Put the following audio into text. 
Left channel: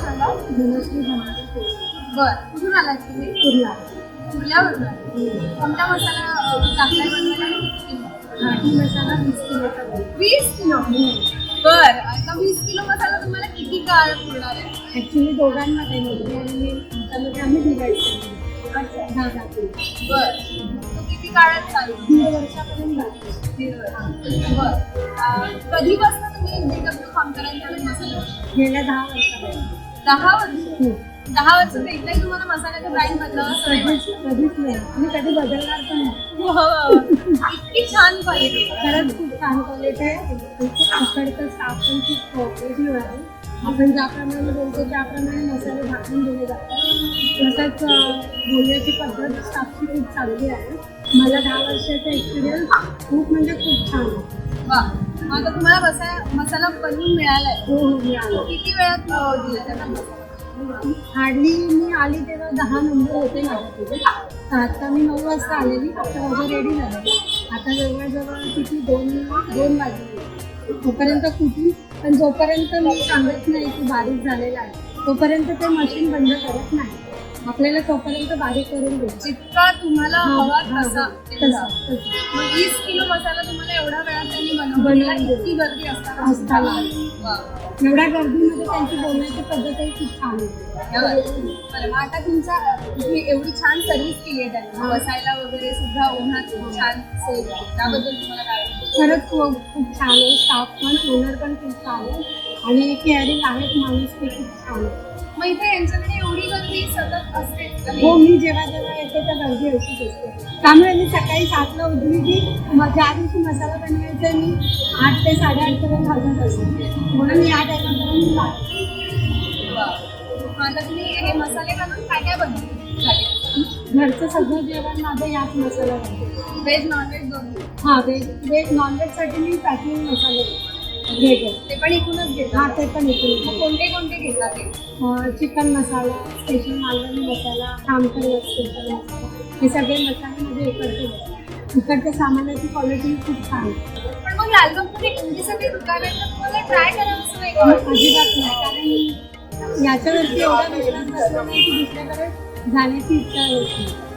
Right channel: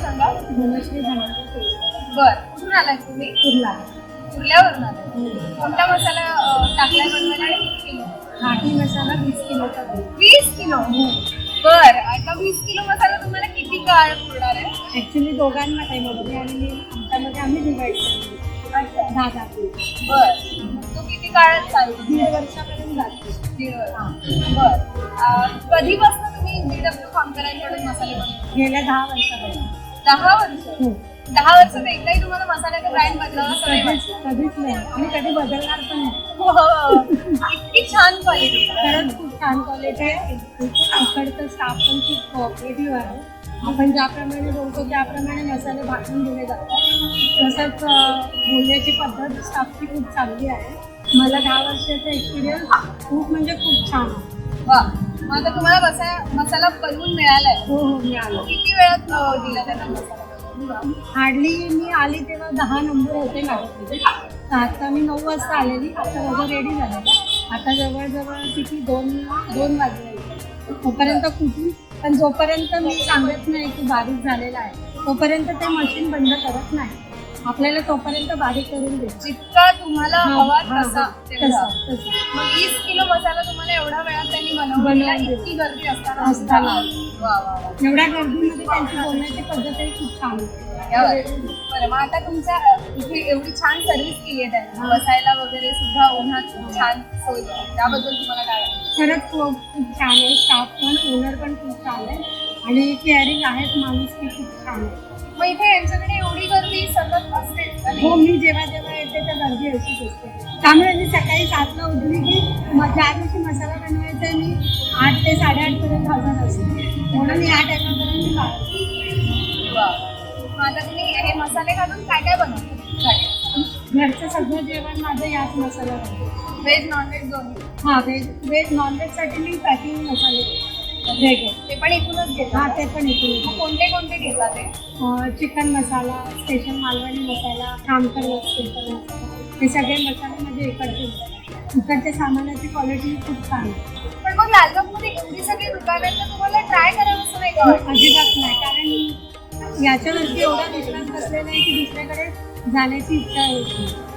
सांगा. धनश्री धनाजी बर कुठून आलाय तुम्ही? कुर्ला. कुर्ल्यावरून आलाय. कोणता मसाला अं, टाकलाय बनवायला आणि किती किलो? घाटी मसाला वीस किलोचा. बघ. वीस किलो? बर आता वीस किलो मसाला तुम्हाला किती काळ पुरणार आहे? ऍक्च्युली दोघांना काही नव्हते आणि आमच्यामध्ये आम्ही केली अच्छा. दहा दहा किलो बर. तो किती काळ चालतो दीड वर्षापर्यंत जातो. दीड वर्ष. बर. अं, कधीपासून तुम्ही बीडब्ल्यू खामकरांकडे मसाले बनवता? गेल्या दहा वर्षापर्यंत. दहा वर्ष. हो दहा वर्षात एकदाही तुम्हाला मसाल्याचा ब्रँड बदलावा असं नाही कधीच कधीच नाही. आणि कधी बदलणार पण नाही. वाटत इतकी छान क्वालिटी खरंच खूप छान क्वालिटी आहे. इकडचं स्टाफ पण खूप कोऑपरेटिव्ह आहे. आपण ज्याप्रमाणे बोलतो त्याप्रमाणे मसाले भाजून दिले जातात. तसंच अं, बोलण्याची पद्धत स्टाफची खूप चांगली आहे. मला दहा वर्षाचा एक्सपिरियन्स खूप म्हणजे खूप छान आहे. वा. मग आता तुम्हाला बसा मसाला बनवून मिळालाय. हो हो मी आलो किती वेळात अं, दिला त्याचा मसाला? हार्डली मी आली तेव्हा दहा नंबर होते माझ्याकडे आता मी नऊ वाजता आलेली. आता माझं रेडी झालं. आता जवळजवळ किती? दोन दोन वाजले. तोपर्यंत कुठून? पण जोपर्यंत मी सांगत नाही की बारीक झालेला आहे तोपर्यंत ते मशीन बंद करत नाही. आपल्याला तोपर्यंत बारीक करून देते जितका तुम्हाला हा, हवा हा, तसा हा. तेवढा. तसं, तसं. मग वीस किलो मसाला तुम्हाला एवढ्या वेळात त्यांनी बनवलेला बनवून इतकी गर्दी असताना असताना. वा, वा, वा. एवढ्या गर्दीमध्ये त्यांची बोलण्याची पद्धतही खूप छान होती बरं. मग आता तुमच्या इथे एवढी छान सर्व्हिस केली आहे त्यांनी बसायला वगैरे सुद्धा उन्हात खूप छान सोय केली. त्याबद्दल तुम्हाला काय वाटतं? खरंच खूप खूप छान आहे स्टाफ पण ओनर पण खूप छान आहे आणि केअरिंग आहेत माणूस ते खूप छान आहे मग इथे यांच्याकडे एवढी गर्दी सतत असते? हो मी जेव्हा जेव्हा येते त्या गर्दी अशीच असते. त्यामुळे मी सकाळी सातला उठली की ज्या दिवशी मसाला बनवायचा मी आठ ते साडेआठ पर्यंत हजर असते. म्हणून मी या टायमापर्यंत आता तुम्ही हे मसाले घालून काय काय बनवता? घरचं सगळं जेवण माझं याच मसाला व्हेज नॉनव्हेज दोन्ही. हां व्हेज व्हेज नॉनव्हेजसाठी मी पॅकिंग मसाले. वेगळे ते पण इथूनच घेतात हां ते पण मग कोणते कोणते घेतात ते? Chicken masala special Malvani masala Kamkar special masala हे सगळे मसाले माझे इकडचे. इकडच्या सामानाची क्वालिटी खूप छान आहे. पण मग लालबागमध्ये एवढी सगळी दुकान आहेत तर तुम्हाला ट्राय करावं असं नाही वाटत? अजिबात नाही कारण याच्यावरती एवढा विश्वास बसलेला आहे की दुसऱ्याकडे जाण्याची इच्छा होत नाही.